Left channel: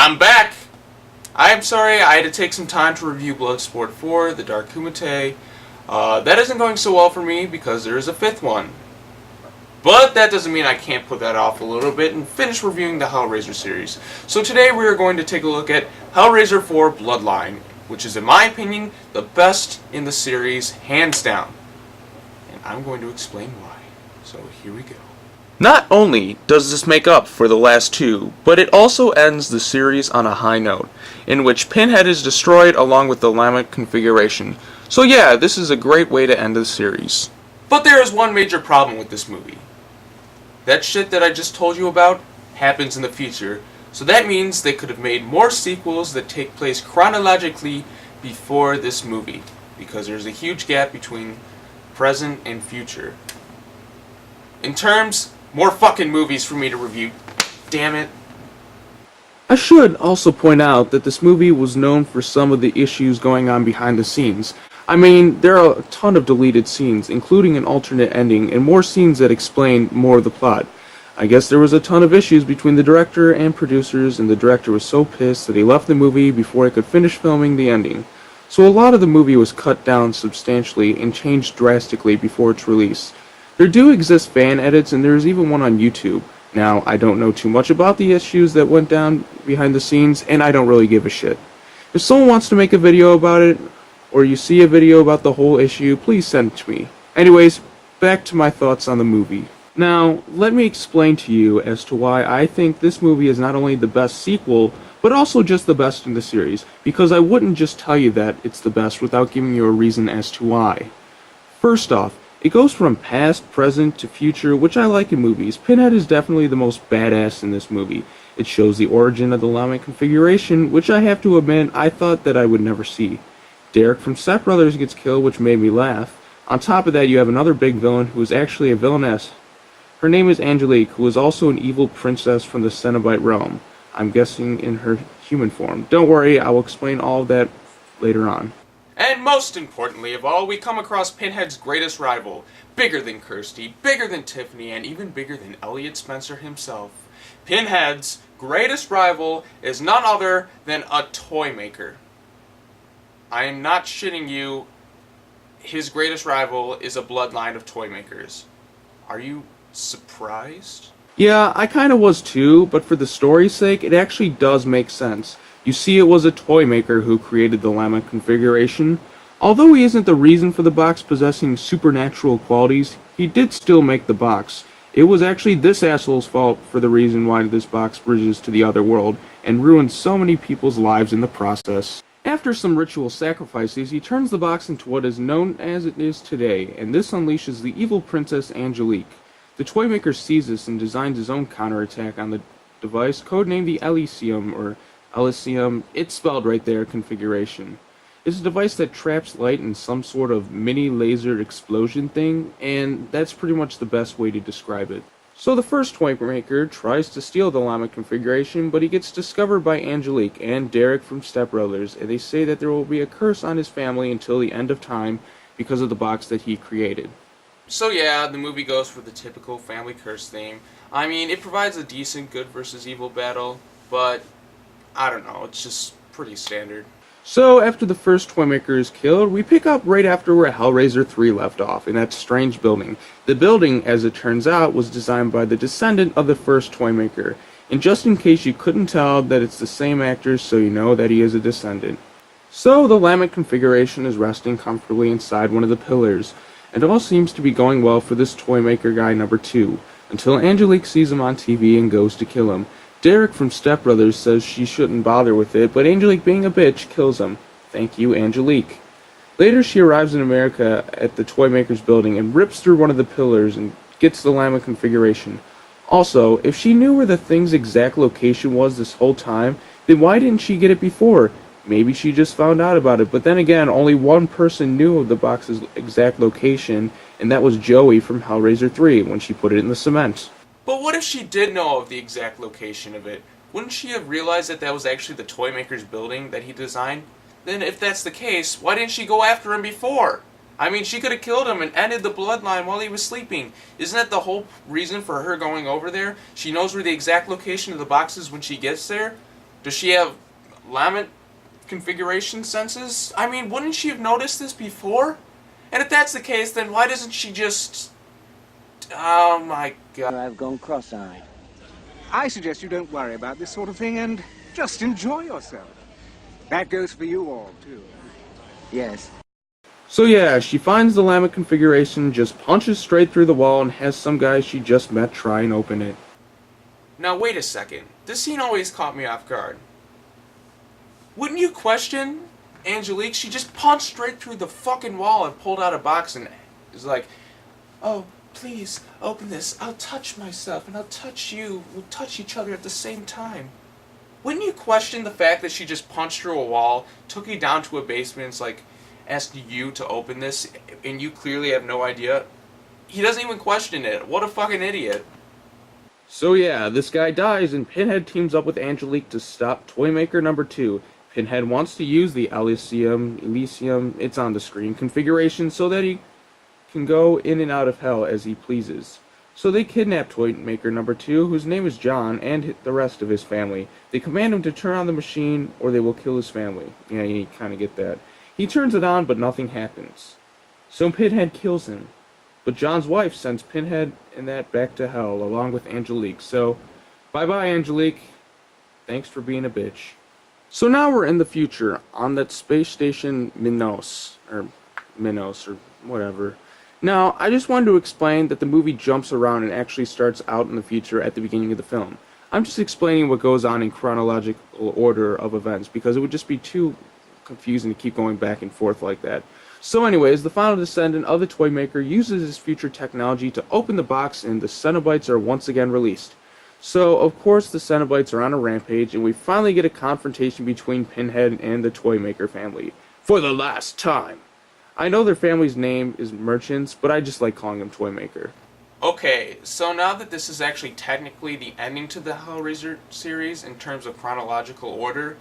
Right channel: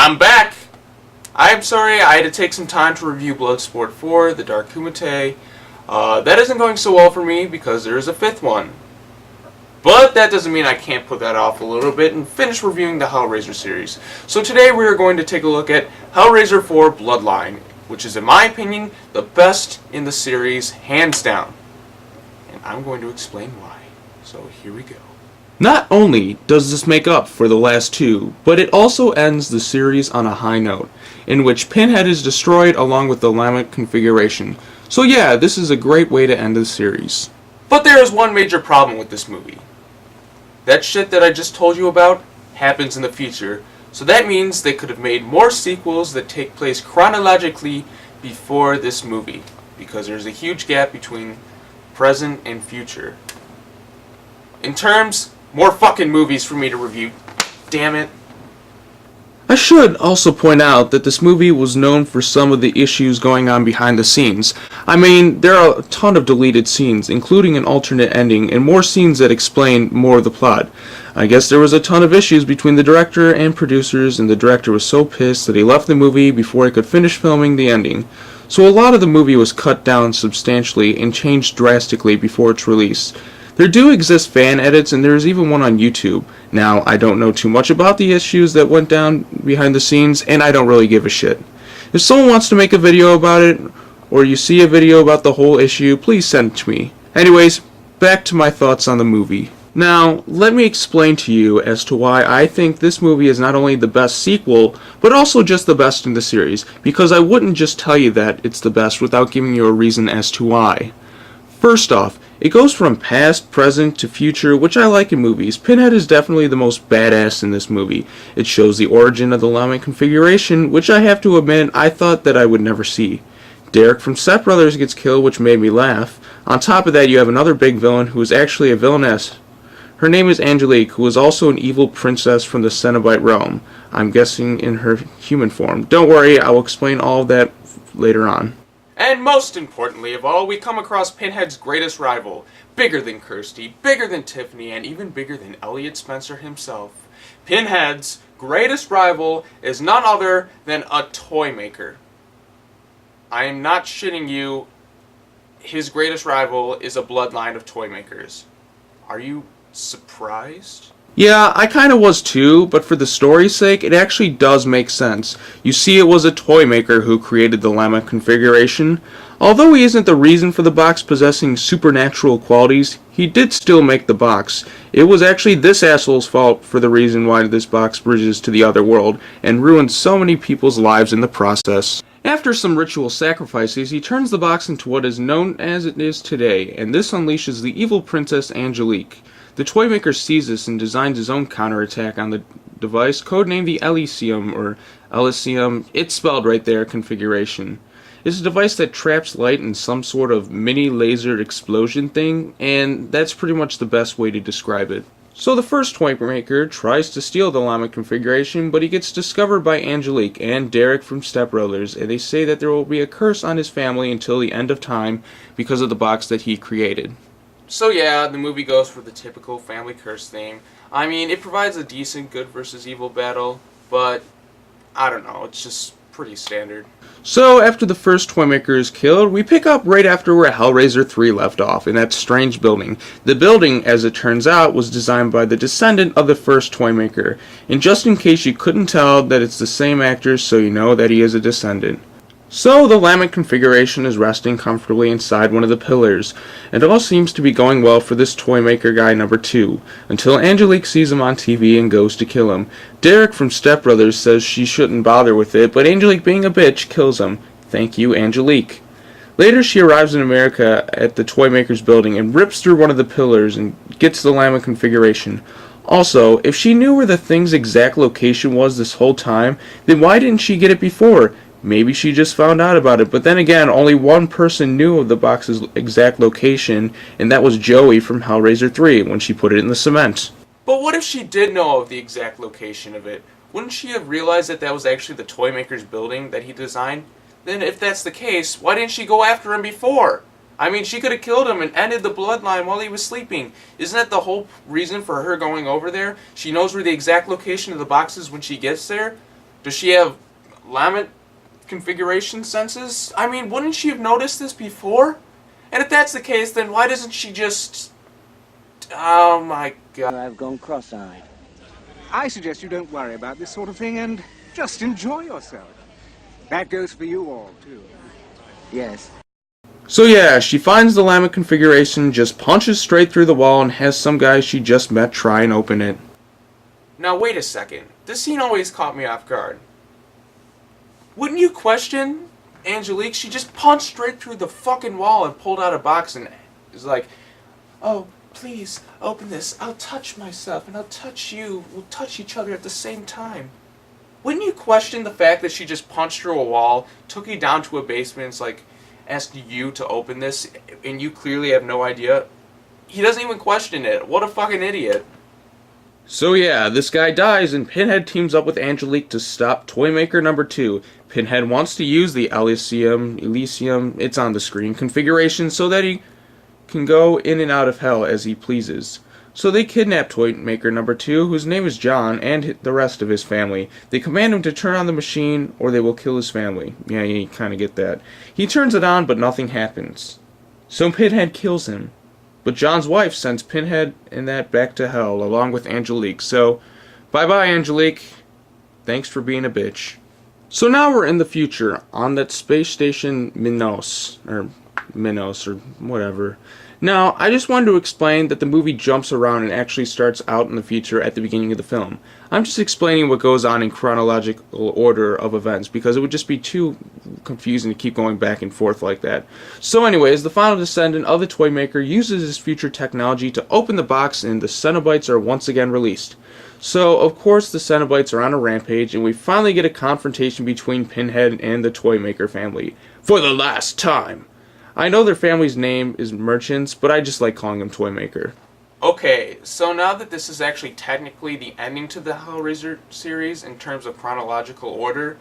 I'm back! I'm sorry, I had to take some time to review Bloodsport 4, The Dark Kumite. That isn't going so well for me because there is a fifth one. But that doesn't mean I can't put that off a little bit and finish reviewing the Hellraiser series. So today we are going to take a look at Hellraiser 4 Bloodline, which is in my opinion the best in the series, hands down. And I'm going to explain why. So here we go. Not only does this make up for the last two, but it also ends the series on a high note, in which Pinhead is destroyed along with the Lament Configuration. So yeah, this is a great way to end the series. But there is one major problem with this movie. That shit that I just told you about happens in the future, so that means they could have made more sequels that take place chronologically before this movie, because there's a huge gap between present and future. In terms, more fucking movies for me to review. Damn it. I should also point out that this movie was known for some of the issues going on behind the scenes. I mean, there are a ton of deleted scenes, including an alternate ending, and more scenes that explain more of the plot. I guess there was a ton of issues between the director and producers, and the director was so pissed that he left the movie before he could finish filming the ending. So a lot of the movie was cut down substantially and changed drastically before its release. There do exist fan edits, and there is even one on YouTube. Now, I don't know too much about the issues that went down behind the scenes, and I don't really give a shit. If someone wants to make a video about it, or you see a video about the whole issue, please send it to me. Anyways, back to my thoughts on the movie. Now, let me explain to you as to why I think this movie is not only the best sequel, but also just the best in the series, because I wouldn't just tell you that it's the best without giving you a reason as to why. First off, it goes from past, present, to future, which I like in movies. Pinhead is definitely the most badass in this movie. It shows the origin of the Lament Configuration, which I have to admit I thought that I would never see. Derek from Step Brothers gets killed, which made me laugh. On top of that, you have another big villain who is actually a villainess. Her name is Angelique, who is also an evil princess from the Cenobite realm. I'm guessing in her human form. Don't worry, I will explain all of that later on. And most importantly of all, we come across Pinhead's greatest rival. Bigger than Kirsty, bigger than Tiffany, and even bigger than Elliot Spencer himself. Pinhead's greatest rival is none other than a toy maker. I am not shitting you. His greatest rival is a bloodline of toy makers. Are you surprised? Yeah, I kinda was too, but for the story's sake, it actually does make sense. You see, it was a toy maker who created the Lament Configuration. Although he isn't the reason for the box possessing supernatural qualities, he did still make the box. It was actually this asshole's fault for the reason why this box bridges to the other world, and ruins so many people's lives in the process. After some ritual sacrifices, he turns the box into what is known as it is today, and this unleashes the evil princess Angelique. The toymaker sees this and designs his own counterattack on the device, codenamed the Elysium, or Elysium, it's spelled right there, configuration. It's a device that traps light in some sort of mini lasered explosion thing, and that's pretty much the best way to describe it. So the first toymaker tries to steal the Lament Configuration, but he gets discovered by Angelique and Derek from Step Brothers, and they say that there will be a curse on his family until the end of time because of the box that he created. So yeah, the movie goes for the typical family curse theme. I mean, it provides a decent good versus evil battle, but I don't know, it's just pretty standard. So after the first toymaker is killed, we pick up right after where Hellraiser 3 left off, in that strange building. The building, as it turns out, was designed by the descendant of the first toymaker. And just in case you couldn't tell that it's the same actor, so you know that he is a descendant. So the Lament Configuration is resting comfortably inside one of the pillars, and all seems to be going well for this toymaker guy number 2, until Angelique sees him on TV and goes to kill him. Derek from Step Brothers says she shouldn't bother with it, but Angelique, being a bitch, kills him. Thank you, Angelique. Later she arrives in America at the toymaker's building and rips through one of the pillars and gets the Lament Configuration. Also, if she knew where the thing's exact location was this whole time, then why didn't she get it before? Maybe she just found out about it, but then again, only one person knew of the box's exact location, and that was Joey from Hellraiser 3 when she put it in the cement. But what if she did know of the exact location of it? Wouldn't she have realized that that was actually the toymaker's building that he designed? Then if that's the case, why didn't she go after him before? I mean, she could have killed him and ended the bloodline while he was sleeping. Isn't that the whole reason for her going over there? She knows where the exact location of the box is when she gets there? Does she have Lament Configuration senses? I mean, wouldn't she have noticed this before? And if that's the case, then why doesn't she just... Oh my god. I've gone cross-eyed. I suggest you don't worry about this sort of thing and just enjoy yourself. That goes for you all, too. Yes. So yeah, she finds the Lament Configuration, just punches straight through the wall, and has some guy she just met try and open it. Now wait a second. This scene always caught me off guard. Wouldn't you question Angelique? She just punched straight through the fucking wall and pulled out a box and is like, "Oh, please, open this. I'll touch myself and I'll touch you. We'll touch each other at the same time." Wouldn't you question the fact that she just punched through a wall, took you down to a basement, and it's like, asked you to open this, and you clearly have no idea? He doesn't even question it. What a fucking idiot. So yeah, this guy dies, and Pinhead teams up with Angelique to stop Toymaker number 2. Pinhead wants to use the Elysium, it's on the screen, configuration so that he can go in and out of hell as he pleases. So they kidnap Toymaker number 2, whose name is John, and the rest of his family. They command him to turn on the machine, or they will kill his family. Yeah, you kind of get that. He turns it on, but nothing happens. So Pinhead kills him. But John's wife sends Pinhead and that back to hell, along with Angelique. So, bye-bye, Angelique. Thanks for being a bitch. So now we're in the future, on that space station Minos, or whatever. Now, I just wanted to explain that the movie jumps around and actually starts out in the future at the beginning of the film. I'm just explaining what goes on in chronological order of events, because it would just be too confusing to keep going back and forth like that. So anyways, the final descendant of the Toymaker uses his future technology to open the box, and the Cenobites are once again released. So, of course, the Cenobites are on a rampage, and we finally get a confrontation between Pinhead and the Toymaker family. For the last time! I know their family's name is Merchants, but I just like calling them Toymaker. Okay, so now that this is actually technically the ending to the Hellraiser series in terms of chronological order,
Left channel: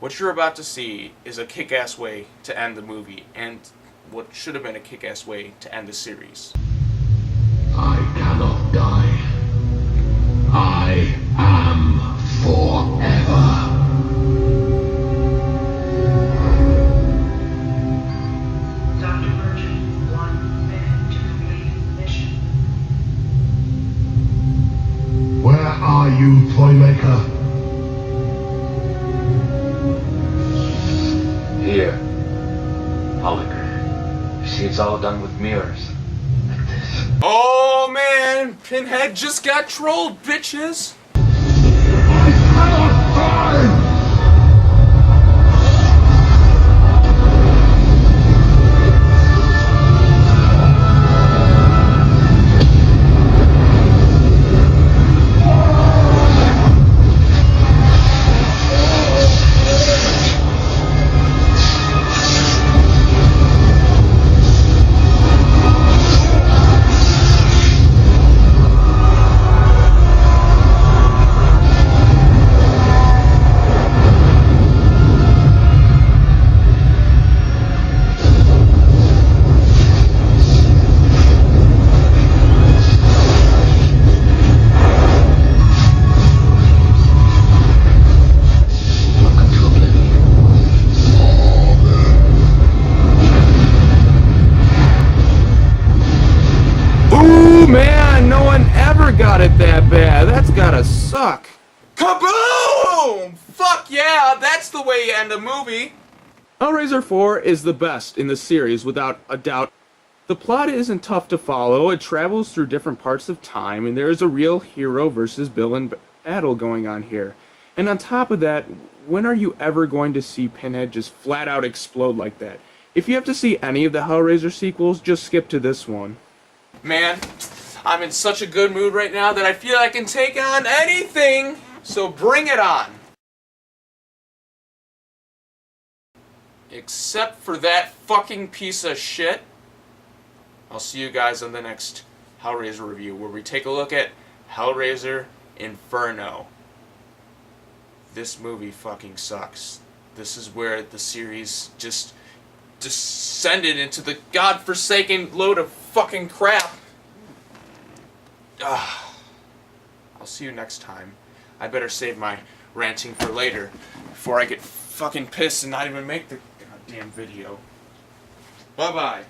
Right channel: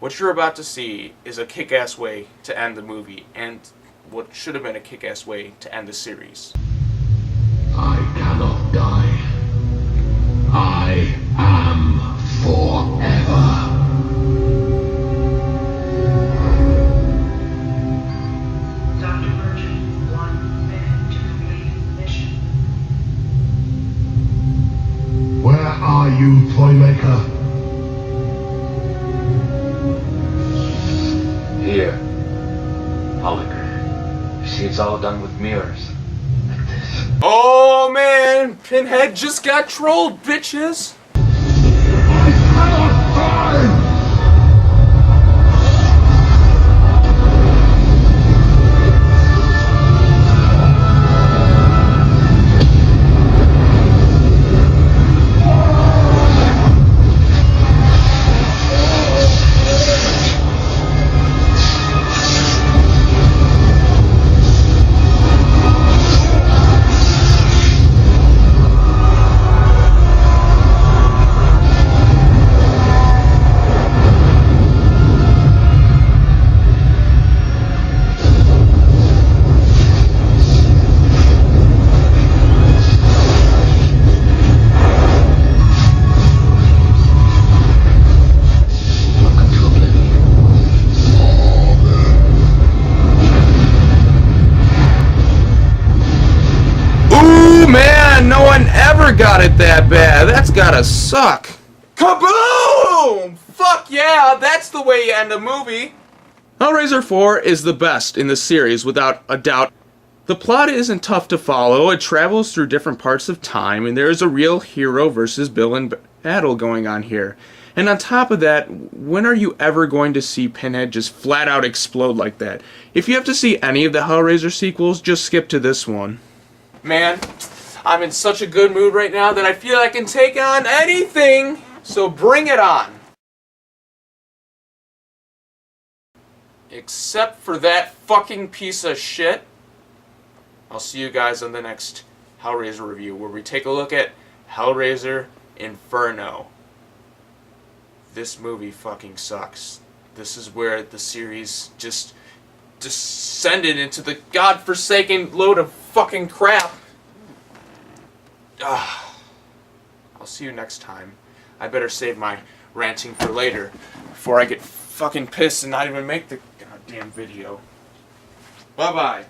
what you're about to see is a kick-ass way to end the movie, and what should have been a kick-ass way to end the series. I cannot die. I am forever. Where are you, Toymaker? Here. Hologram. You see, it's all done with mirrors. Like this. Oh man! Pinhead just got trolled, bitches! I cannot die! Suck. Kaboom! Fuck yeah, that's the way you end a movie. Hellraiser 4 is the best in the series, without a doubt. The plot isn't tough to follow, it travels through different parts of time, and there is a real hero versus villain battle going on here. And on top of that, when are you ever going to see Pinhead just flat out explode like that? If you have to see any of the Hellraiser sequels, just skip to this one. Man, I'm in such a good mood right now that I feel I can take on anything, so bring it on. Except for that fucking piece of shit. I'll see you guys on the next Hellraiser review, where we take a look at Hellraiser Inferno. This movie fucking sucks. This is where the series just descended into the godforsaken load of fucking crap. I'll see you next time. I better save my ranting for later before I get fucking pissed and not even make the goddamn video. Bye-bye.